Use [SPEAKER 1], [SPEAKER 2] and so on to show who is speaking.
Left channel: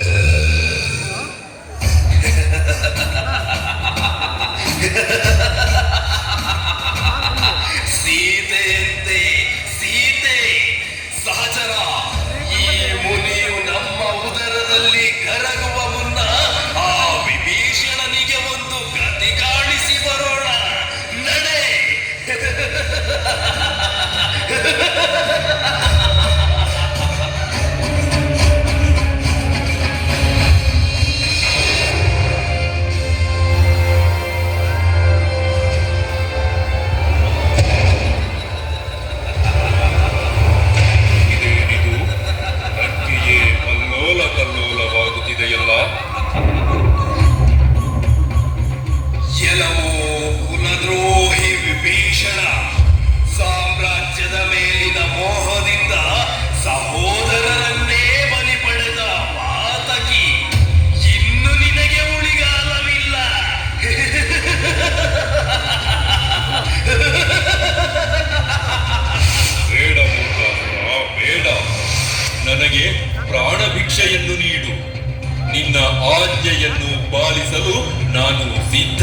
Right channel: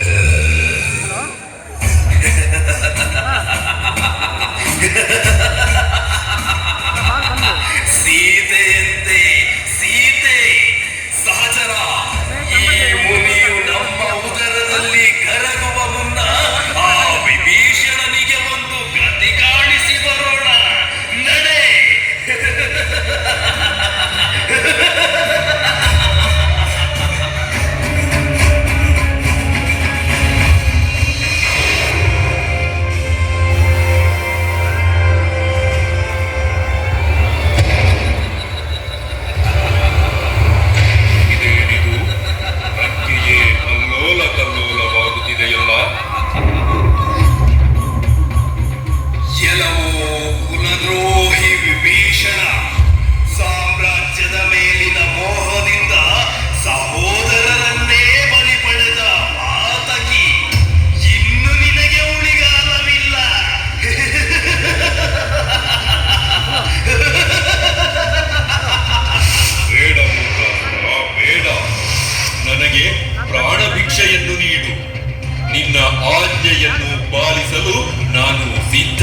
[SPEAKER 1] Uh...
[SPEAKER 2] ಎಲ್ಲವೋ ಕುಲದ್ರೋಹಿ Vibhishana ಸಾಮ್ರಾಜ್ಯದ ಮೇಲಿನ ಮೋಹದಿಂದ ನಿನಗೆ ಉಳಿಗಾಲವಿಲ್ಲ
[SPEAKER 1] ಬೇಡ ಬೇಡ ನನಗೆ ಪ್ರಾಣ ಭಿಕ್ಷೆಯನ್ನು ನೀಡು ಆಜ್ಞೆಯನ್ನು ಪಾಲಿಸಲು ನಾನು ಸಿದ್ಧ.